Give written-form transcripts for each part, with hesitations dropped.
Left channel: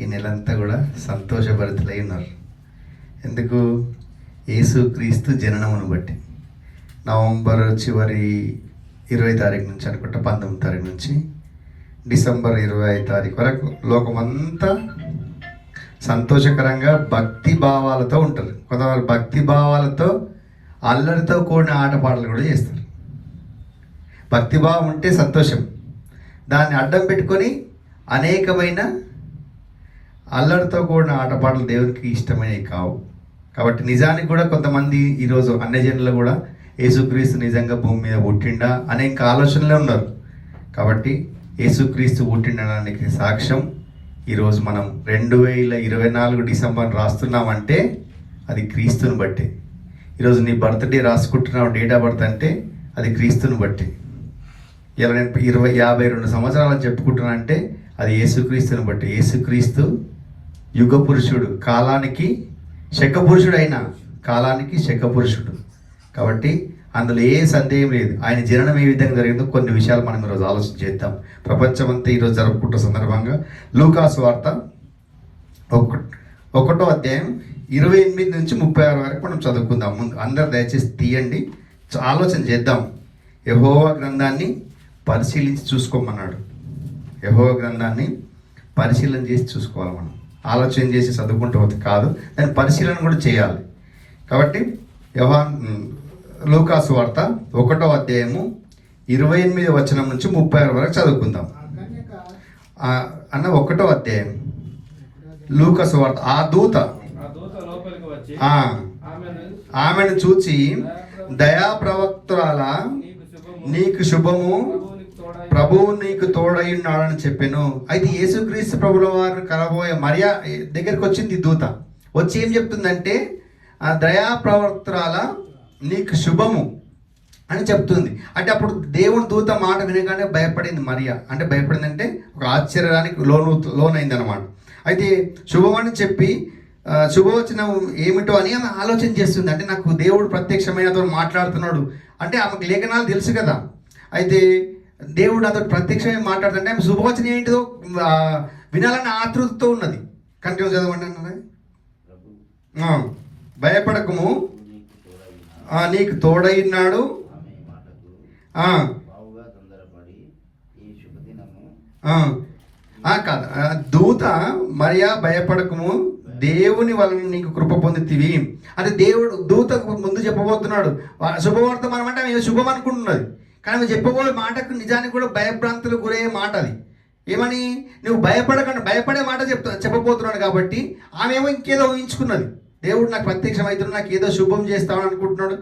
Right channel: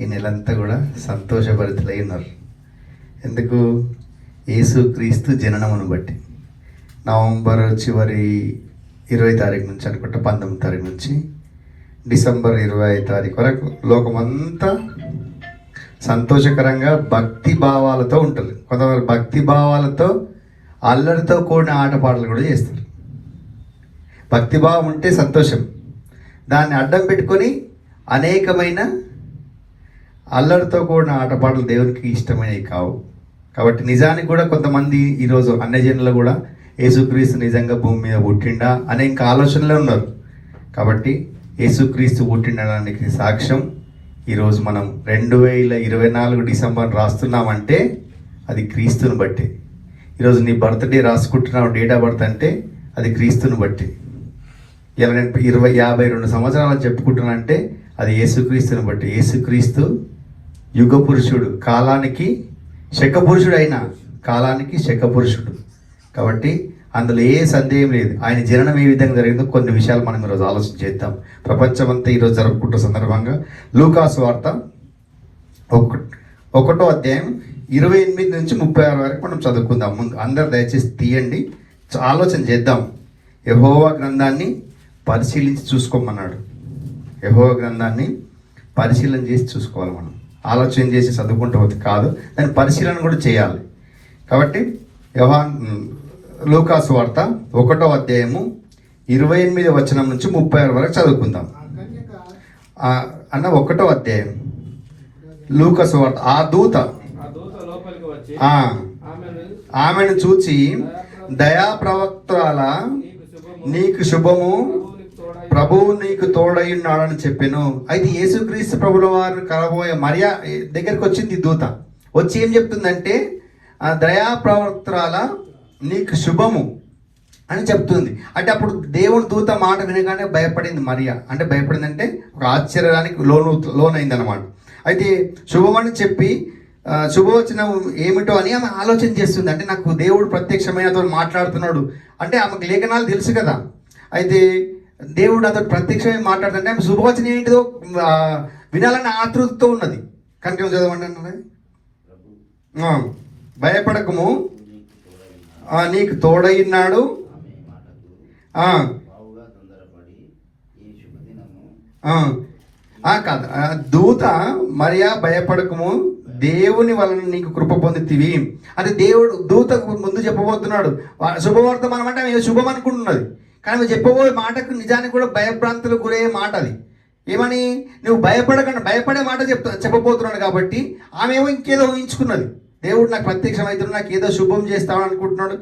ఈ నెలంతా కూడా సంతోషభరితులై ఉన్నారు. ఎందుకు? యేసుక్రీస్తు జననమును బట్టి. నవంబర్ చివరి 20 తారీఖు నుంచి అనుకుంటా, 19 తారీఖు నుంచి డిసెంబర్ 25 తారీఖు వరకు లోకమంతా సంతోషకరంగా భక్తి భావాలతో ఉంటుంది. కొంతమంది భక్తి భావాలతో అల్లరితో కూడిన ఆటపాటలు కూడా చేస్తారు. భక్తిభావం ఉంటే సంతోషం, దాన్ని అడ్డం పెట్టుకొని అనేకమైన అల్లరితో కూడిన ఆటపాటలు దేవునికి ఇష్టమైనవి కావు. కాబట్టి నిజానికి కూడా కొంతమంది ఈరోజు అన్యజనులు కూడా యేసుక్రీస్తు నిజంగా భూమి మీద పుట్టిండా అనే ఇంకా ఆలోచనలే ఉన్నారు. కాబట్టి యేసుక్రీస్తు పుట్టిండడానికి సాక్ష్యం ఈరోజు మనం 2024 డిసెంబర్ రాస్తున్నామంటే అది క్రీస్తుని బట్టి. ఈరోజు నీ బర్త్డే రాసుకుంటున్నావు, డేట్ ఆఫ్ బర్త్ అంటే అది క్రీస్తుని బట్టి. ఇలా నేను 52 సంవత్సరాలు చెప్పుకుంటున్నా అంటే అది యేసుక్రీస్తుని బట్టి. యేసుక్రీస్తు యుగ పురుషుడు, కాలానికి శక పురుషుడు, అయినా కాలానికి శక పురుషుడు. కాబట్టి అందులో ఏ సందేహం లేదు. ఆయన జననం ఏ విధంగా జరిగిందో కొన్ని విషయాలు మనం ఈరోజు ఆలోచన చేద్దాం. ప్రపంచమంతా ఈరోజు జరుపుకుంటున్న సందర్భంగా లూకాసు వార్త 1వ అధ్యాయం 28 నుంచి 36 వరకు మనం చదువుకుందాం. ముందు అందరు దయచేసి తీయండి, ఆలోచన చేద్దాం. యెహోవా గ్రంథాన్ని పరిశీలించి చూసుకోమన్నాడు. యెహోవా గ్రంథాన్ని పరిశీలన చేసి చూసుకోవాలి. మనం ఆలోచన చేసి చదువుకుంటూ పోతే కాదు, దాన్ని పరిశీలన కూడా చేయాలి. కాబట్టి లూకాసు వార్త 1వ అధ్యాయము 28 వచనం నుంచి 36 వరకు చదువుకుందాం. అన్న 1వ అధ్యాయం లూకాసు వార్త. ఆ దూత ఆమెను చూచి, దయా ప్రవక్తల నీకు శుభము, ప్రభువు నీకు తోడైన్నాడని చెప్పాను. అయితే యేసుక్రీస్తు ప్రభుల వారు కలబోయే మరియా దగ్గరికి వచ్చింది దూత. వచ్చి ఏం చెప్తుందంటే, దయా ప్రవక్తల నీకు శుభము అని చెప్తుంది. అంటే అప్పుడు దేవుని దూత మాట వినగానే భయపడింది మరియా. అంటే భయపడిందంటే ఒక ఆశ్చర్యానికి లోనైంది అనమాట. అయితే శుభమని చెప్పి శుభవచనం ఏమిటో అని ఆమె ఆలోచన చేస్తుంది. అంటే నాకు దేవుడు ప్రత్యక్షమైన అతను మాట్లాడుతున్నాడు అంటే ఆమెకు లేఖనాలు తెలుసు కదా. అయితే దేవుడు అతను ప్రత్యక్షమైన మాట్లాడుతుంటే ఆమె శుభవచనం ఏంటిదో వినాలని ఆతృతతో ఉన్నది. కంటిన్యూ చదవండి అన్నది. భయపడకము, నీకు తోడైనాడు. కాదు, దూత మరియా భయపడకము, దేవుని వలన నీకు కృప పొందుతీవి అంటే దేవుడు దూత ముందు చెప్పబోతున్నాడు. శుభవర్తమానం అంటే ఆమె శుభం అనుకుంటున్నది, కానీ చెప్పబోయే మాటకు నిజానికి కూడా భయభ్రాంతులకు గురయ్యే మాట అది. ఏమని? నువ్వు భయపడకుండా భయపడే మాట చెప్పబోతున్నాడు. కాబట్టి ఆమె ఏమో ఇంకేదో ఊహించుకున్నది. దేవుడు నాకు ప్రత్యక్షమవుతున్నాడు, నాకు ఏదో శుభం చేస్తామని అనుకుంటున్నాడు.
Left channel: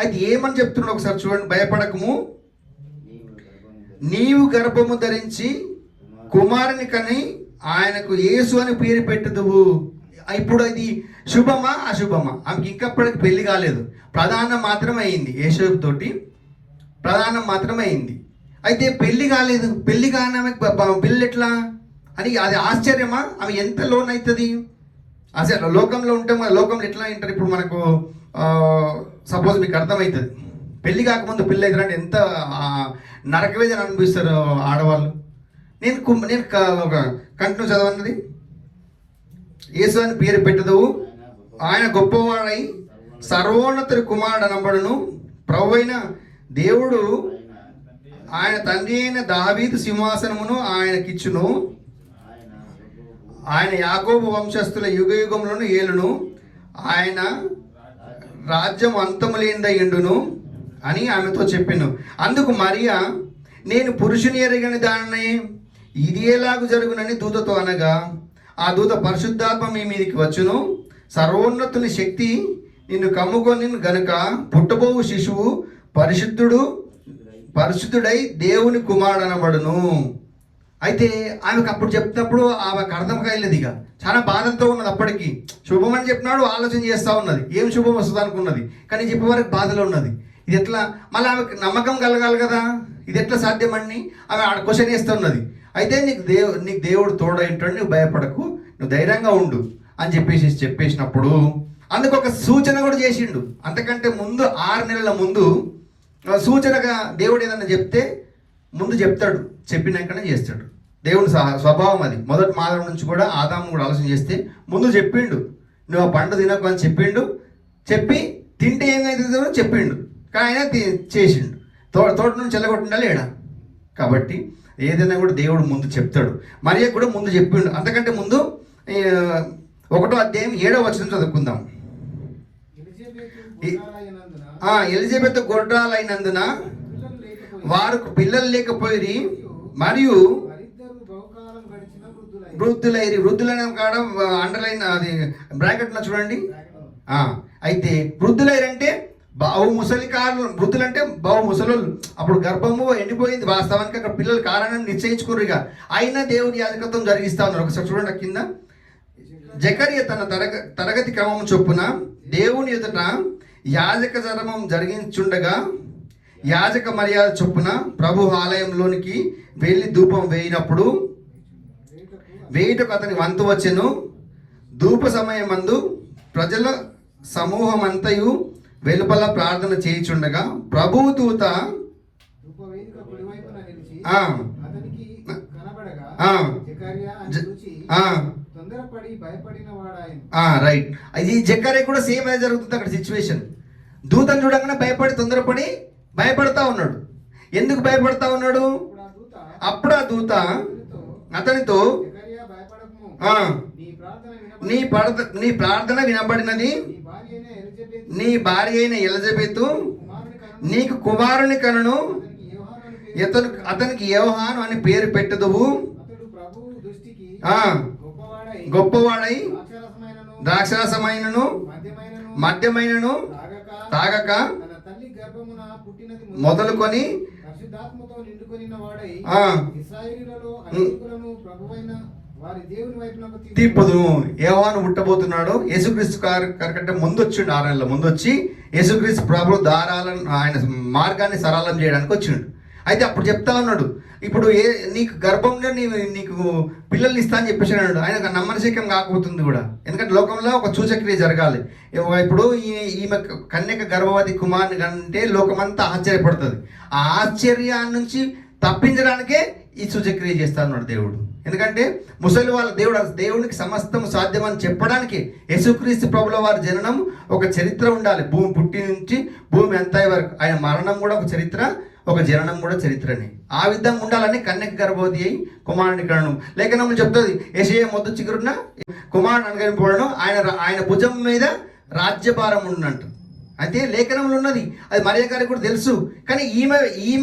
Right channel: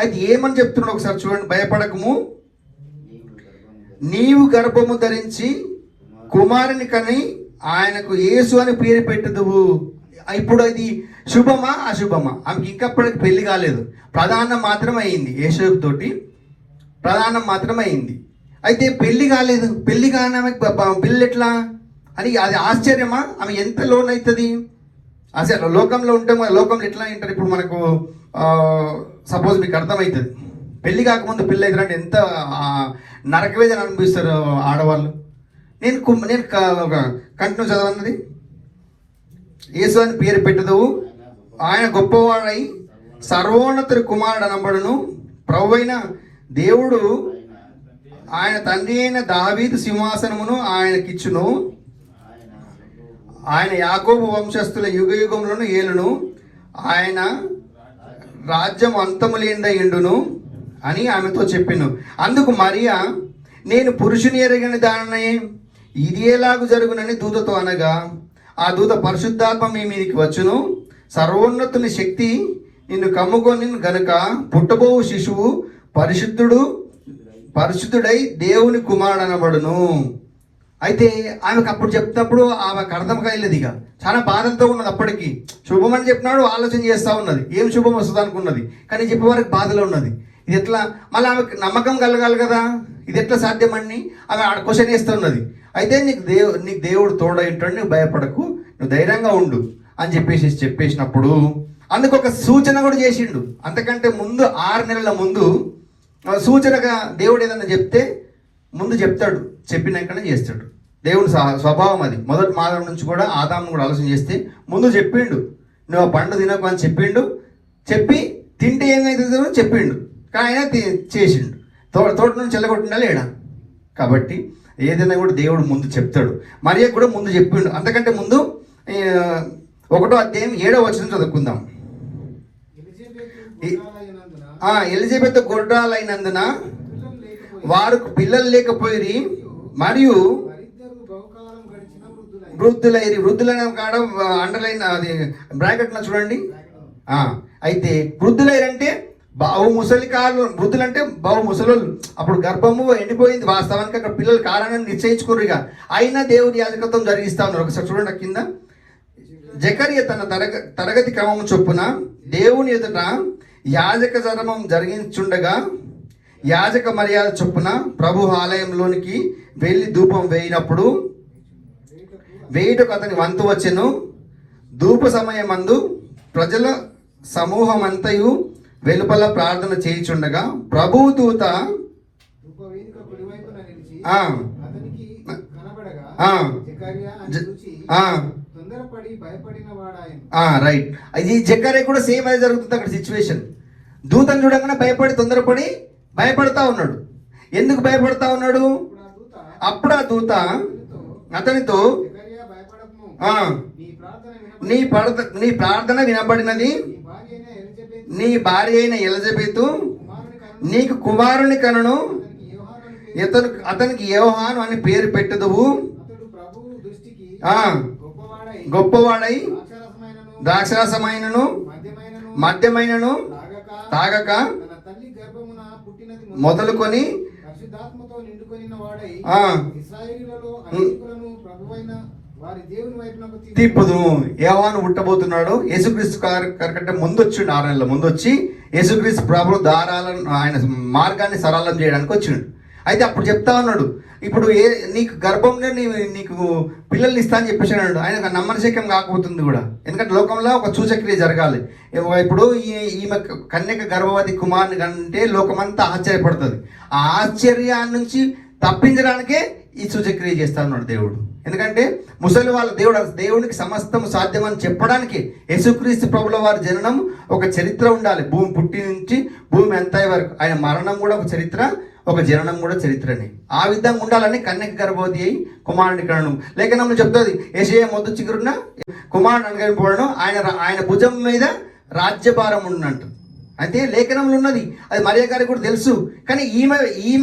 అయితే ఏమని చెప్తున్నాడు ఒకసారి చూడండి. భయపడకము, నీవు గర్భము ధరించి కుమారుని కని ఆయనకు యేసు అని పేరు పెట్టుదువు. ఇప్పుడు అది శుభమా అశుభమా? ఆమెకి ఇంకప్పటికి పెళ్లి కాలేదు, ప్రధానం మాత్రమే అయింది. యేసు తోటి ప్రధానం మాత్రమే అయింది. అయితే పెళ్లి కాలేదు. పెళ్లి కాని ఆమెకు పెళ్ళి ఎట్లా అని అది ఆశ్చర్యమా? ఆమె ఎంత లోన్ అవుతుంది? అసలు లోకంలో ఉంటే లోకంలో ఎట్లా అంటారు? ఇప్పుడు మనకు సపోజ్ మీకు అర్థమవుతుంది, పెళ్లి కాకముందు పెళ్ళి అవుతారంటే ఎంత నరకవేదన అనిపిస్తారు ఆడవాళ్ళు. నేను కంటిన్యూ చదవన్నది. యేసు అని పేరు పెట్టదు, ఆయన గొప్పవాడై సర్వోన్నతుడి కుమారుడు అనబడును. ప్రభువైన దేవుడు ఆయన తండ్రి అయిన దావీదు సింహాసనమును ఆయనకిచ్చును. ఆయన యాకోబు వంశస్థుల యుగ యుగంలోను ఏలును. ఆయన రాజ్యం అంతము లేనిదై ఉండును అని ఆమెతో చెప్పాను. అందుకు మరియా, నేను పురుషుని ఎరిగిన దానిని ఇది ఎలాగూ జరుగునని దూతతో అనగా, ఆ దూత పరిశుద్ధాత్మ మీ మీదకి వచ్చును, సర్వోన్నతుని శక్తి నిన్ను కమ్ముకొని గనుక పుట్టబో శిశువు పరిశుద్ధుడై దేవుని కుమారుడు అనబడును. అయితే ఆమెకు అప్పుడు చెప్తున్నప్పుడు ఆమెకు అర్థం కాలేదు. ఇక చాలా బాధలతో ఉన్నది. అప్పటికి శుభం అని చెప్పినాడు, ఆలోచన చేస్తూ ఉన్నది ఏం శుభం వస్తుంది అనుకున్నది. కానీ చెప్పే వరకు బాధలో ఉన్నది. ఇది ఎట్లా? మళ్ళీ ఆమెకు నమ్మకం కలగాలి కదా, ఇది ఎట్లా సాధ్యమని ఆమె క్వశ్చన్ చేస్తూ ఉన్నది. అయితే నీకు దేవుడు తోడైంటాడు, నువ్వు భయపడకు, నువ్వు ధైర్యంగా ఉండు అని చెప్పేసినప్పుడు అందుకు ఒక సూచన కూడా చేసిండు. అంతకంటే ముందు 6 నెలల ముందు సూచనగా దేవుడు ఏదన్నా చెప్తే ముందు చెప్తాడు, చెప్పినాకనే చేస్తాడు. దేవుని స్వభావం అది. మొదటి మానవుడి నుంచి కూడా ఆదామును కూడా ఆలోచన చేస్తే ముందు చెప్పిండు, నువ్వు ఆ పండు తినకు అని చెప్పిండు. చెప్పి తింటే ఏమైతుందో చెప్పిండు, కానీ ఆయన చేసిండు. తోట నుంచి వెళ్ళగొట్టిండా లేడా? కాబట్టి ఏదైనా కూడా దేవుడు ముందు చెప్తాడు. మరియకు కూడా ముందు చెప్పిండు. అంతకంటే ముందు 1వ అధ్యాయం 7వ వచనం చదువుకుందాం. ఎలిజబెత్ గొడ్రాలైనందున వారు పిల్లలు లేకపోయి మరియు వృద్ధులైన కాడ అండర్లైన్ అది బ్రాకెట్లో చూడండి. అయితే వృద్ధులైరంటే వృద్ధులంటే బావు ముసలోళ్ళు. అప్పుడు గర్భము ఎండిపోయింది, వాస్తవానికి అక్కడ పిల్లలు కారణాన్ని నిశ్చయించుకోరు. ఇక అయినా దేవుని యాజకత్వం జరిగిస్తా ఉన్నారు. ఒకసారి చూడండి కింద. జకర్య తన తరగతి క్రమం చొప్పున దేవుని ఎదుట యాజక ధర్మం జరిగించుండగా యాజక మర్యాద చొప్పున ప్రభు ఆలయంలోనికి వెళ్ళి ధూపం వేయినప్పుడు వేయుటకు అతని వంతు వచ్చెను. ధూప సమయమందు ప్రజల సమూహమంతయు వెలుపల ప్రార్థన చేయుచుండగా ప్రభువు దూత రైట్. ఇది జకర్యా కూడా సేమ్ అదే జరుగుతుంది అక్కడ సిచ్యువేషన్. దూతను చూడగానే తొందరపడి భయపడతా ఉన్నాడు. ఎందుకు భయపడతా ఉన్నాడు? అప్పుడు ఆ దూత అతనితో నీ ప్రార్థన వినబడినది, నీ భార్య అయిన ఎలిజబెతు నీకు కుమారుని కనును, అతనికి యోహాను అని పేరు పెట్టుదువు. గొప్పవాడై ద్రాక్షరసమైనను మద్యమైనను తాగక మొదలుకొని తిప్పుదు. యోహాను పుట్టబోతున్నాడు. యేసుక్రీస్తు కంటే ముందు వచ్చిండు, 6 నెలల ముందు వచ్చి యేసుక్రీస్తు ప్రభు దారాలను ఆయన మార్గాన్ని సరళం చేయడానికి వచ్చిండు. అయితే అప్పుడు చెప్తా ఉన్నాడు, ఇప్పుడు నీకు గర్భంలో నీకు పిల్లల్ని ఇస్తా అని చెప్పేసి అన్నాడు. ఆయన నమ్మశక్యం కాకపోతుంది కూడా, ఎందుకంటే లోకంలో ఒక సూచక్రియ జరగాలి. ఇప్పుడు ఈమె కన్యక గర్భవతి కుమారుని అంటే లోకమంతా ఆశ్చర్యపడుతుంది. ఆ ఆశ్చర్యాన్ని నుంచి తప్పించడానికే ఈ సూచక్రియ చేస్తా ఉన్నాడు దేవుడు. ఎందుకంటే ముసలి వాళ్ళ దేవునికి సమస్తం సాధ్యమని చెప్పడానికి యేసుక్రీస్తు ప్రభుల వారి జననం ఒక చరిత్ర ఉండాలి. భూమి పుట్టి నుంచి భూమి ఎంత వరకు ఆయన మరణం కూడా ఒక చరిత్ర, ఒక జననం కూడా చరిత్రని. ఆ విధంగా ఉండాలని కన్యక గర్భవతి అయి కుమారుని కనను. లేఖనంలో చెప్తుంది, యెషయా మొద్దు చిగురున కుమారుని అనుగమింపబడను, ఆయన భుజం మీద రాజ్యభారం ఉన్నట్టు. అయితే లేఖనంలో ఉన్నది, అది మరియ గారికి కూడా తెలుసు. కానీ ఈమె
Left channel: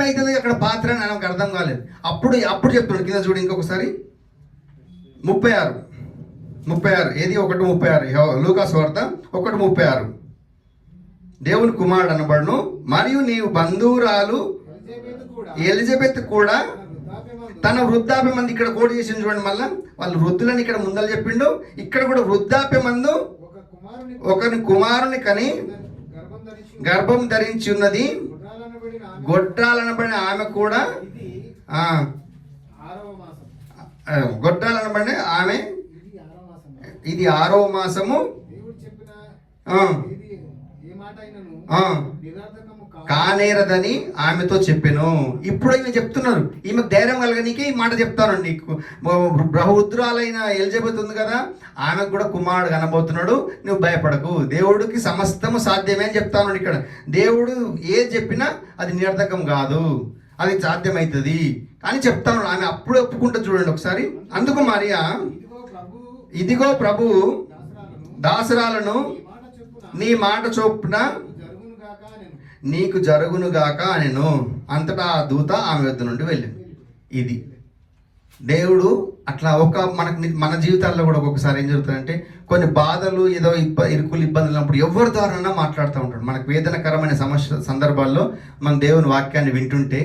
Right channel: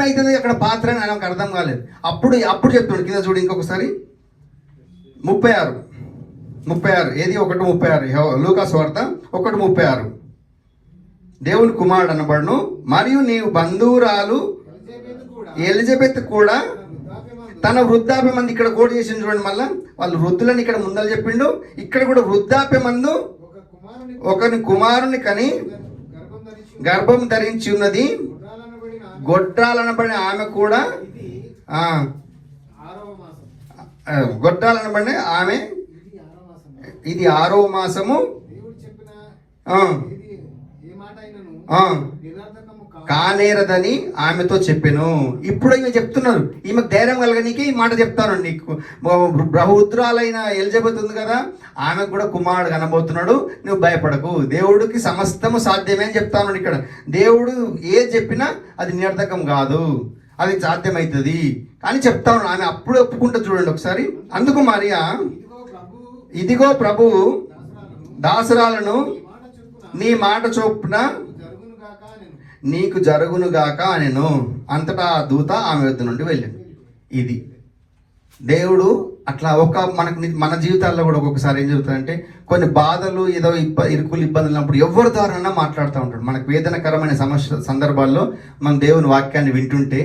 అవుతుంది అక్కడ పాత్ర అని ఆయనకు అర్థం కాలేదు. అప్పుడు చెప్తున్నాడు కింద చూడు ఇంకొకసారి 36 ఏది 1:36 లూకా సువార్త 1:36. దేవుని కుమారుడు అనబడును మరియు నీవు బంధువురాలు ఎలిజబెత్ కూడా తన వృద్ధాప్యమందు, ఇక్కడ కోట్ చేసింది చూడండి. మళ్ళా వాళ్ళు వృద్ధులని ఇక్కడ ముందర చెప్పిండు, ఇక్కడ కూడా వృద్ధాప్యమందు ఒకని కుమారుని కని గర్భం ధరించి ఉన్నది. గొడ్రాలనబడిన ఆమె కూడా గొడ్రాలనబడిన ఆమె ఇది 6వ మాసము కానేరదని ఆమెతో చెప్పాను. ఇప్పుడు ఈమె చెప్తున్నారు, ఈమెకు ధైర్యం కలగనీకి ఈ మాట చెప్తాను. నీకు బహుద్రాలైన ఎలిజబెత్ ఉంది కదా, ఆమెకు కూడా కుమారుడు కనబోతున్నాడు, నువ్వు భయపడకు, దేవుడికి సమస్తము సాధ్యమే అని చెప్తాను. ఇక్కడ దేవుడు ఏది చెప్పినా అది నిరర్ధకం కాదు, అది సాధ్యమవుతుంది అని చెప్తాను. ఆమె అప్పుడు ఒప్పుకుంటా చూడండి ఒకసారి. అందుకు మరియా, ఇదిగో ప్రభు దాసరాలను నీ మాట చొప్పున నీకు జరుగునుగాక అనెను. అంతటా ఆ దూత ఆమె వద్ద నుండి వెళ్ళింది. ఇది దేవుడు అట్లా మన జీవితాల్లో కూడా ఒక్కొక్కసారి ఏం జరుగుతుందంటే, కొన్ని బాధలు ఏదో ఇరుకులు ఇబ్బందులు ఉన్నప్పుడు ఎవరి ద్వారానన్నా మాట్లాడుతూ ఉంటాడు. మనకు వేదనకరమైన సందర్భాల్లో మనం దేవుని వాక్యాన్ని వింటుంటే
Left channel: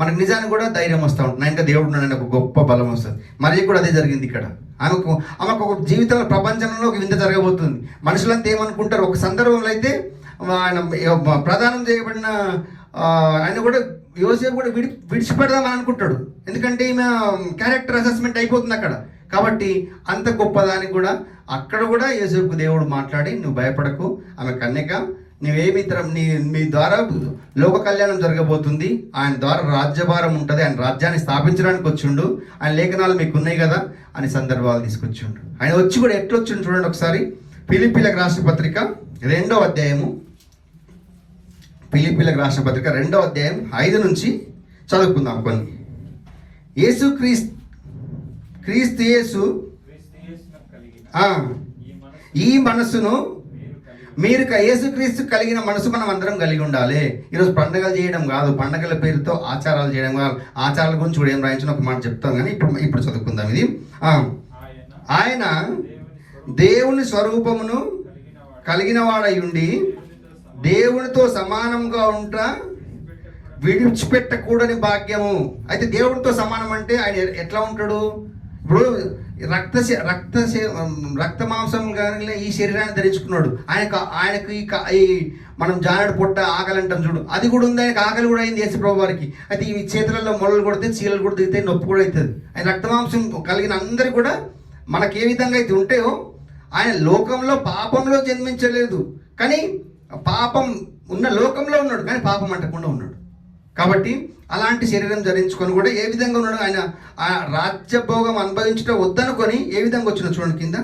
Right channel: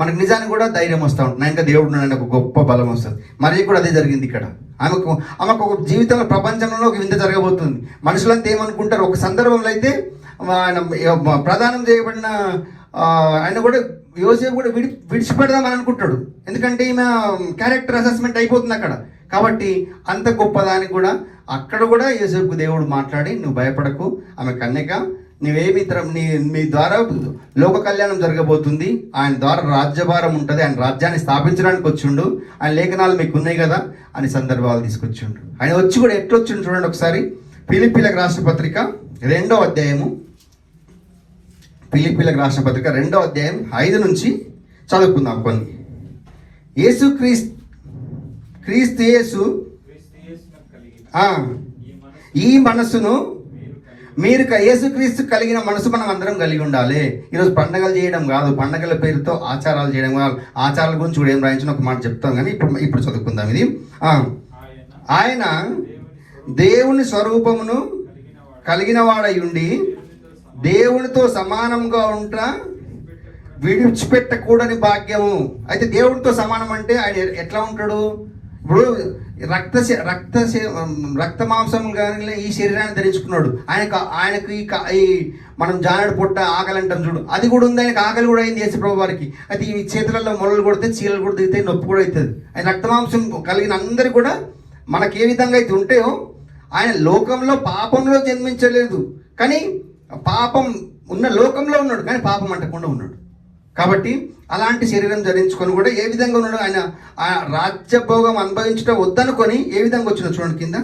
మనకు నిజానికి కూడా ధైర్యం వస్తూ ఉంటుంది. ఇంకా దేవుడు ఉన్నాడని ఒక గొప్ప బలం వస్తుంది. మరి కూడా అదే జరిగింది ఇక్కడ. ఆమెకు ఒక జీవితంలో ప్రపంచంలో ఒక వింత జరగబోతుంది. మనుషులంతా ఏమనుకుంటారు, ఒక సందర్భంలో అయితే ఆయన ప్రదానం చేయబడిన ఆయన కూడా యోసేపు కూడా విడిచిపెడదామని అనుకుంటాడు. ఎందుకంటే ఈమె క్యారెక్టర్ అసెస్మెంట్ అయిపోతుంది అక్కడ. కాబట్టి అంత గొప్పదానికి కూడా అక్కడ కూడా యోసేపుకు దేవుడు మాట్లాడి, నువ్వు భయపడకు, ఆమె కన్యక, మీ ద్వారా లోక కళ్యాణం జరగబోతుంది, ఆయన ద్వారా రాజ్యభారం ఉంటుంది, ఆయన రాజ్యాన్ని స్థాపించడానికి వచ్చిండు, ఆయన లేఖనాలు మీకు ఉన్నాయి కదా అని సందర్భాలు తీసుకొచ్చిండు. ఆయన వచ్చి కూడా ఎట్లొచ్చిండు చూడండి ఒకసారి. ఫిలిప్పీలకు రాసిన పత్రిక 2వ అధ్యాయము, ఫిలిప్పీలకు రాసిన పత్రిక 2వ అధ్యాయం 5 నుంచి చదువుకుందాం కొన్ని. క్రీస్తు యేసు ఈ మనసును మీరు యేసుక్రీస్తు కలిగిన మనసు మనం అందరం కలిగి ఉండాలి. ఈరోజు పండగలు చేయడం కాదు, పండగల పేరుతో ఆచారాలు చేయడం కాదు. ఆచారాల గురించి కూడా ఏం రాయించిన ఒక మాట చెప్తాం, కానీ ఇప్పుడు చదువుకుందాం. ఇది ఆయన దేవుని స్వరూపమును కలిగిన వాడై ఉండి దేవునితో సమానంగా ఉంటా విడిచిపెట్టకూడని భాగ్యము. అయితే దేవుడితో సమానం అంటే ఆయన ఎట్లా ఉంటాడు? ఇప్పుడు రక్త మాంసం కానీ ఈ శరీరాన్ని ధరించుకున్నాడు. ఆయనకి ఈ మనం జానడు పొట్ట ఆకలి అంటాం చూడు, అది కూడా ఉంది. ఆయనకు ఆకలి కూడా అయింది యేసుప్రభు వారికి. అయితే ఈ చేతులలో మొలలు కొడితే చీలలు కూడా దిగితే నొప్పి కూడా అవుతుంది. ఆయన రక్త మాంసం కలిగిన అందరు కూడా మనకి ఏ విధంగా అయితే ఉంటాయో, ఆయన లోకంలో పాపంలో జన్మించలేదు, కానీ పాపం ఉన్న లోకంలో ఉన్నాడు, కానీ పాపం అంటకుండా ఉన్నాడు. కాబట్టి అలాంటి శరీరం ధరించుకొని కూడా ఏ విధంగా ఉన్నాడు? ఆయన ఆ రాజ్యభోగం అనుభవించడం వద్దనుకొని ఏ విధంగా వచ్చిన చూడండి కింద.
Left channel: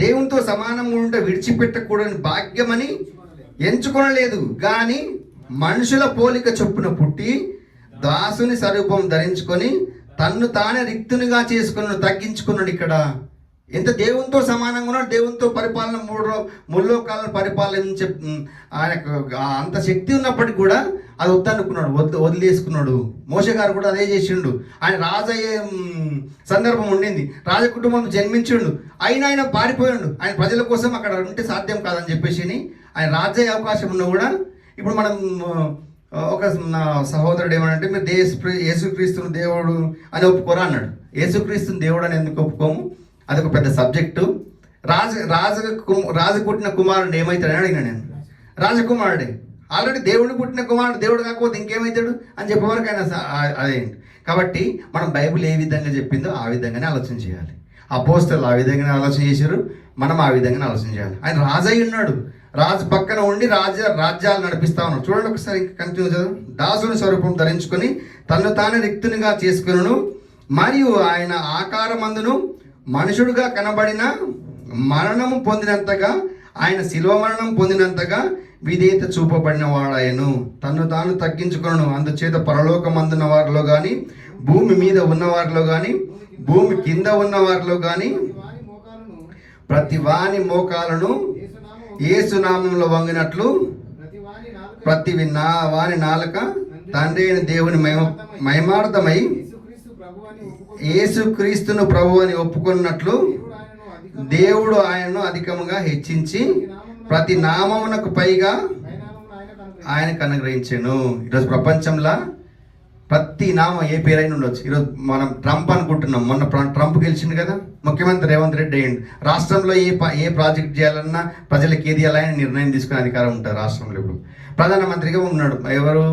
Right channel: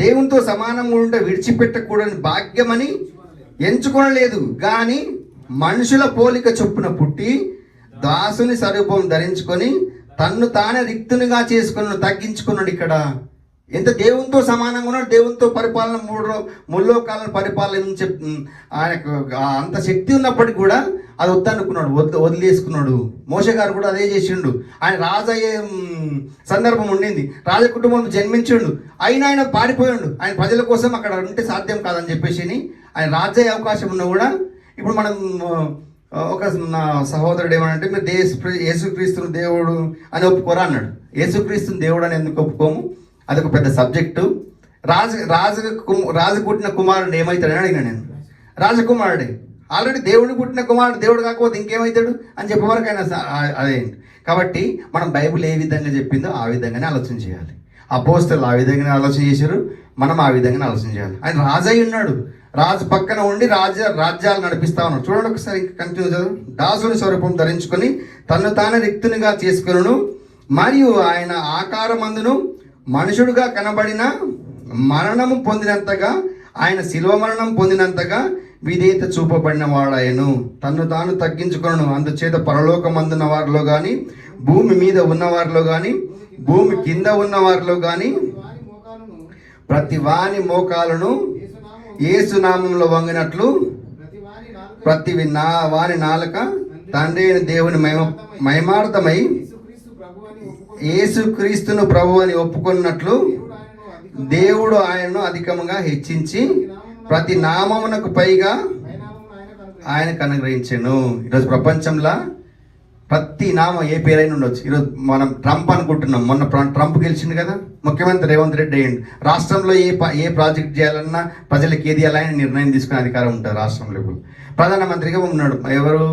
దేవునితో సమానంగా ఉంటే విడిచిపెట్టకూడని భాగ్యమని ఎంచుకొనలేదు, కానీ మనుషుల పోలిక చొప్పున పుట్టి దాసుని స్వరూపం ధరించుకొని తన్ను తానే రిక్తునిగా చేసుకుని తగ్గించుకున్నాడు. ఇక్కడ ఎంత దేవునితో సమానంగా ఉన్నాడు, దేవునితో పరిపాలన ముల్లోకాలను పరిపాలన ఆయనకు అంత శక్తి ఉన్నప్పటికీ కూడా అది వద్దనుకున్నాడు, వదిలేసుకున్నాడు. మోషే గారు కూడా అదే చేసిండు. ఆయన రాజు అయ్యే సందర్భం ఉండింది, రాజ కుటుంబం జన్మించిండు, అయినా ఆయన పారిపోయాడు. ఆయన ప్రజల కోసం అక్కడ ఉంటే సాధ్యం కాదని చెప్పేసి ఆయన రాజు అయ్యే అవకాశం ఉన్నా కూడా, ఇప్పుడు మనం ఒక సహోదరుడు ఏమనంటే మీరు యేసుక్రీస్తుని దేవుడు అని ఒప్పుకోరా అన్నాడు. యేసుక్రీస్తుని దేవుడు అని ఎందుకు ఒప్పుకోము? అదొక పెద్ద సబ్జెక్టు. రాజు పుట్టిన కుమారుడు ఏమవుతాడని అడిగినా నేను. రాజకుమారుడే, ఆల్రెడీ దేవుడు పుట్టిన కుమారుడు, దేవుడు కాకపోతే ఇంకేమవుతాడు అని చెప్పేవరకు ఆయన అదేంటి. కాబట్టి మనం బైబిల్ ఏ విధంగా చెప్పిందో ఆ విధంగానే ఆలోచన చేయాలి. అపోస్తలులు ఆ విధంగానే ఆలోచన చేశారు, మనం ఆ విధంగానే ఆలోచన చేయాలి. ఆయన రాజు అయి ఉన్నాడు, రాజు పక్కన ఉండి రాజ్యాలు నడిపిస్తా ఉన్నాడు. చూడండి ఒకసారి కంటిన్యూ చదువు. దాసుని స్వరూపం ధరించుకొని తను తాను రిక్తునిగా చేసుకును, మరియు ఆయన ఆకారమందును మనుషుడుగా కనబడిన మరణము పొందినంతగా, ఆయన శిలువ మరణం పొందినంతగా విధేయత చూపబడిన వాడాయను. తను తాను తగ్గించుకొను, అందుచేత పరలోకమందున్న వారిలో కానీ, భూమి మీద ఉన్నవారిలో కానీ, భూమి కింద ఉన్న వారిలో కానీ ప్రతి వాని మోకాలను యేసు నామములో వంగినట్లు ప్రతి వాని నాలుక తండ్రి అయిన దేవుని మహిమార్థమై యేసుక్రీస్తును ప్రభు అని ఒప్పుకున్నట్లు దేవుడు ఆయనను అధికముగా హెచ్చించి ప్రతి నామమునకు పైగా ఆయనకు అనుగ్రహించాను. ఈరోజు ప్రపంచంలో ప్రతి నామం ఏ పేరైనా ఉండొచ్చు. ఈరోజు మనం ట్రంప్ అనుకుంటున్నాం, మొన్న ట్రంప్ గెలిచింది కదా, ముఖ్యమంత్రి రేవంత్ రెడ్డి అయ్యిండు. రాష్ట్రంలో ఏ ప్రాజెక్ట్ చేయాలన్నా ప్రజలకు ఏది చేయాలని నిర్ణయం తీసుకునే అధికారం ఉంటుంది రాష్ట్రంలో. ఇప్పుడు ప్రధానమంత్రిగా ఉన్నాడు ఎవరు?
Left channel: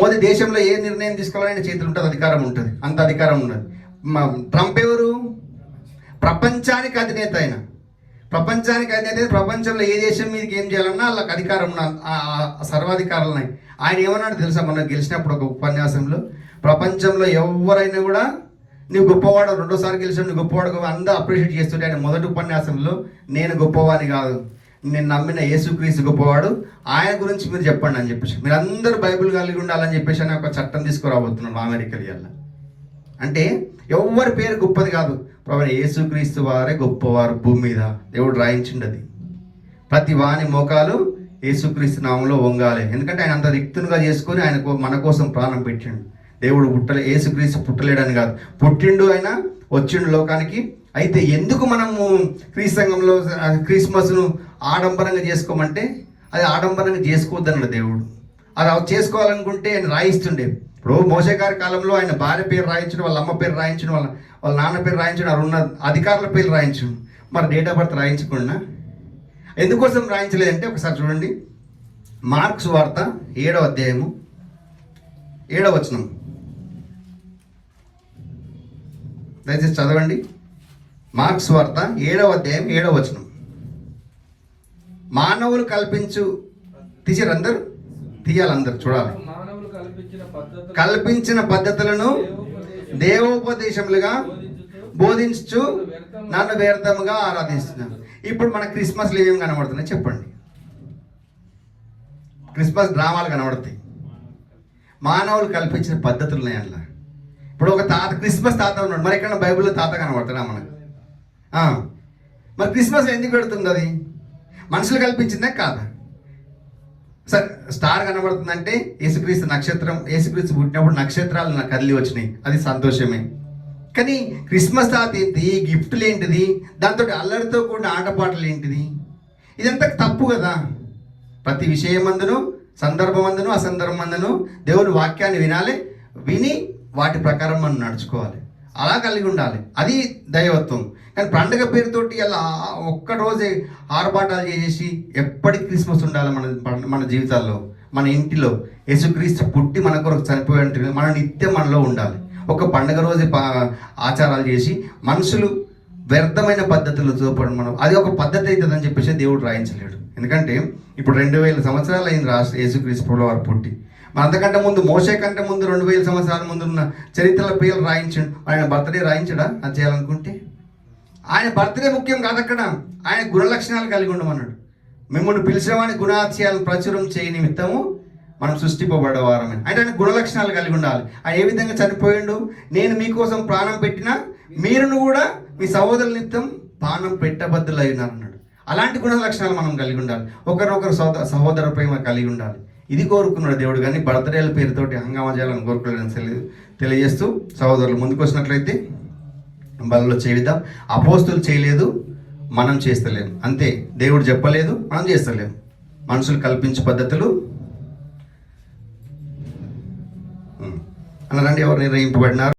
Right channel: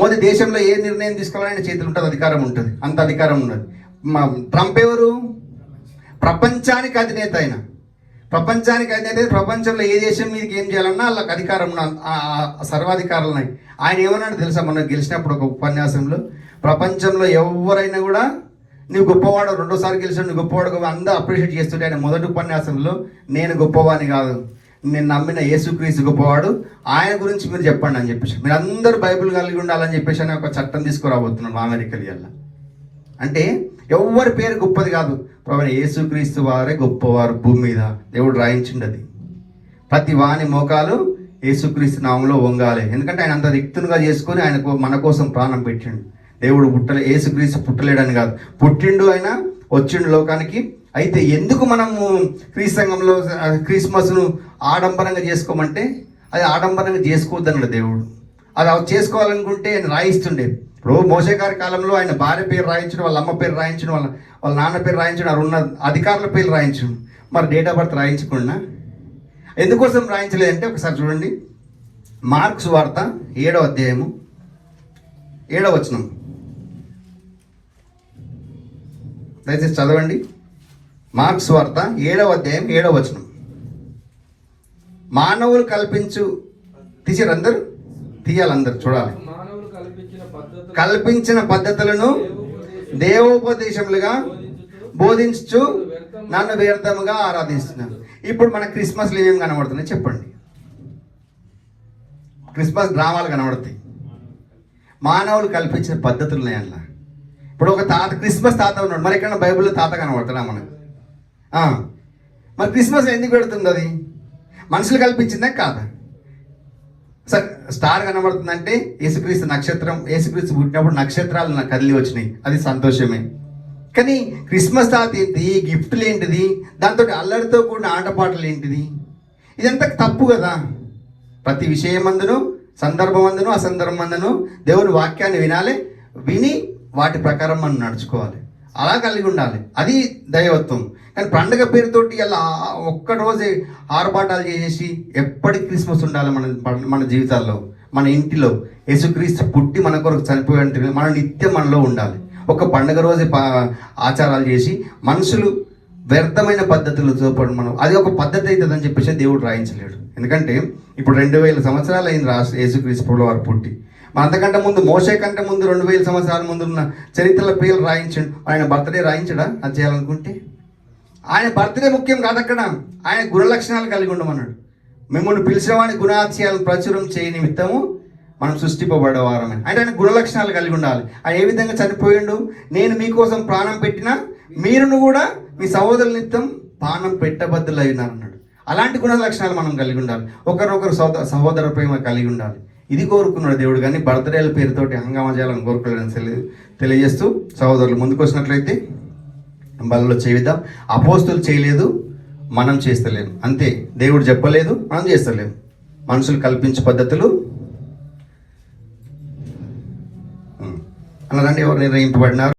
మోదీ దేశంలో ఏ నిర్ణయం తీసుకోవాలని చేతులు ఉంటుంది, అధికారం ఉంటుంది, అంత అధికారం ఉన్నది. ట్రంప్ ఎవరు? ప్రపంచానికి అధినేత. ఆయన ప్రపంచానికి అధినేత. ప్రపంచంలో ఏ దేశం మీదకి ఏం చేయాలన్నా వాళ్ళకి అధికారం సర్వాధికారాలు ఉన్నాయి. ఆయన ఏమన్నాడు తెలుసా? మొన్న గెలిచినప్పుడు ఒక ఉపన్యాసంలో, ప్రపంచంలో ఎవరైనా కూడా నువ్వు గొప్పవాడు, రెండోసారి గెలిచాడు, నువ్వు గొప్పవాడు అందరూ అప్రిషియేట్ చేస్తుంటే, ఆయన మొదటి ఉపన్యాసంలో నేను గొప్పవాడిని కాదు, నేను నమ్మిన యేసుక్రీస్తు గొప్పవాడు, ఆయన గురించి మీరు చెప్పండి అని చెప్పేసి, మీరు అందరూ బైబిల్ కలిగి ఉండాలని చెప్పేసి అని ఒక చట్టం తీసుకురాబోతున్నాడు అమెరికాలో. ఇలా అంటే ఎవరి పేరు గొప్పది కాదు, ప్రభు యేసుక్రీస్తు వారే గొప్పవారు భూమి మీద. దేవుడు రాయించిండు అది. ప్రతి వాని మోకాలు యేసుక్రీస్తు నామంలో వంగాలి. ఎందుకంటే ఆయన అంత రిక్తునిగా చేసుకొని ఆయన మన కోసం ప్రాణం పెట్టిండు. దేవుడు యేసుక్రీస్తు పుట్టలేడని కాదు, పుట్టిండు, ఆయన వచ్చిండు లోకానికి. అయితే ఎందుకు మనము క్రీస్తు క్రిస్మస్ను ఆడంబరంగా చేసుకోమంటే, అది ఆడంబరంగా చేసుకోవద్దన్నాడు దేవుడు. అది చేసుకోవాలనుకుంటే ఆయన రాయిస్తుండే. ఇప్పుడు మోషే గారి కాలంలో ఆయన భార్య పేరు రాయించడం, వాళ్ళ అమ్మ పేరు రాయించడం, వాళ్ళ నాన్న పేరు రాయించడం, అది ఉన్న అధికారుల పేరు రాయించడం, మరి డేట్ ఆఫ్ బర్త్ రాయించకుండా ఎందుకోసం రాయించలేదంటే ఒకసారి చూడండి. మార్కు సువార్త 7వ అధ్యాయము 7వ వచనం దయచేసి చదవండి. మార్కు సువార్త 7వ అధ్యాయం 7వ వచనం. మానవులు కల్పించు తీసారు అందరూ, తీయాలి అందరు చూడాలి. మానవులు కల్పించిన పద్ధతులను దేవోపదేశములుగా బోధించు నన్ను వ్యర్థముగా ఆరాధిస్తున్నాను. ఇప్పుడు మన క్రిస్మస్లో ఏమేమి కనబడుతున్నాయి చెప్పండి? క్రిస్మస్ డ్రామాలు కనబడతాయి. మానవులు కల్పించిన పద్ధతులు ఉన్నాయి అట్లా. ఇప్పుడు ఒక తాత, క్రిస్మస్ తాత ఉన్నాడు, మరి ఎక్కడ బైబిల్లో తాత కనబడతాడా మనకు? మరి క్రిస్మస్ ఎందుకు పెడుతుంది? అది మనుషులు కల్పించిందే కాదా? సరే, స్టార్ కనబడుతుందంటే యేసుక్రీస్తు నక్షత్రం, యేసుక్రీస్తు పుట్టినప్పుడు నక్షత్రాలు నాకు కదిలి వచ్చినాయి, అది సంతోషమే. కానీ క్రిస్మస్ తాత ఏంటి, గిఫ్ట్లు ఏంటిది, దాంతో అల్లరితో కూడిన ఆటపాటలు ఏంటిది? ఇదంతా తప్పు కదా. ప్రతి విషయమందును, సందర్భమందును, అసందర్భమందును దేవుని వాక్యాన్ని వినాలి, విని వాటి ప్రకారం మనం నడుచుకోవాలి, అలా కలిగి ఉండాలి. అది దైవత్వం. కానీ పండుగ పేరుతోటి అలా ఒక్కరోజే ఆర్భాటాలు చేసి ఎప్పటికీ క్రిస్మస్ ఉండాలి మన జీవితాల్లో, మన ఇంటిలో. యేసుక్రీస్తు పుట్టి మన కొరకు చనిపోయి మన నిత్యం మనలో ఉండాలి. ఒక పండుగ రోజే ఆచారాలు చేసి మనుషులు వ్యర్థమైన పద్ధతులు చూపడం, మనం అది ఒక పద్ధతి అవుతుందని చెప్పేసి దేవుడు రాయించలేడు. ఎందుకంటే ఇప్పుడు 2000 సంవత్సరాలు అయింది యేసుక్రీస్తు వారు పుట్టి. మన అంతకంటే ముందు, మోషే కంటే ముందు 2000 సంవత్సరాల ముందు ఉన్న చరిత్రల పేర్లు రాయించండు. ఆయన బర్త్డే రాయించడా? అది చేయాలనుకుంటే ఆయన బర్త్డే ముఖ్యం కాదు, అక్కడ ఆయన గుణలక్షణాలు కలిగి ఉండమన్నాడు. మిమ్మల్ని పిలిచిన వాడి గుణాతిశయాలను ప్రచురం చేయ నిమిత్తము మనం సృష్టింపబడేవారమే. అంటే ఆయన గుణలక్షణాలు కలిగి ఉండాలి. ఆయన ఏ విధంగా చనిపోయిండు? నేను మీకోసం ప్రాణం పెట్టినా మీరును కూడా మీ సహోదరుల నిమిత్తం ప్రాణం పెట్టబద్దులు అయినారన్నాడు. అలాంటి గుణ లక్షణాలు మనం కలిగి ఉండాలి. ఒకరొకరు సహోదర ప్రేమ కలిగి ఉండాలి. ఇది కోరుకున్నాడు దేవుడు. కానీ బర్త్డేల పేరుతోటి హంగామా చేయాలని కోరుకోలేదని తెలియజేస్తూ, సహోదరులు ముందుకు వచ్చినట్లయితే బలలో చేయిద్దాం. అపోస్తులు చేయలేదు, మనం చేస్తలేము, అంతే. దేవుడు చెప్పలేదు, మనం చేస్తలేము. మనుషులు కల్పించే పద్ధతులు అన్నారండి. ఎవరు నిర్ణయింపబడినారు?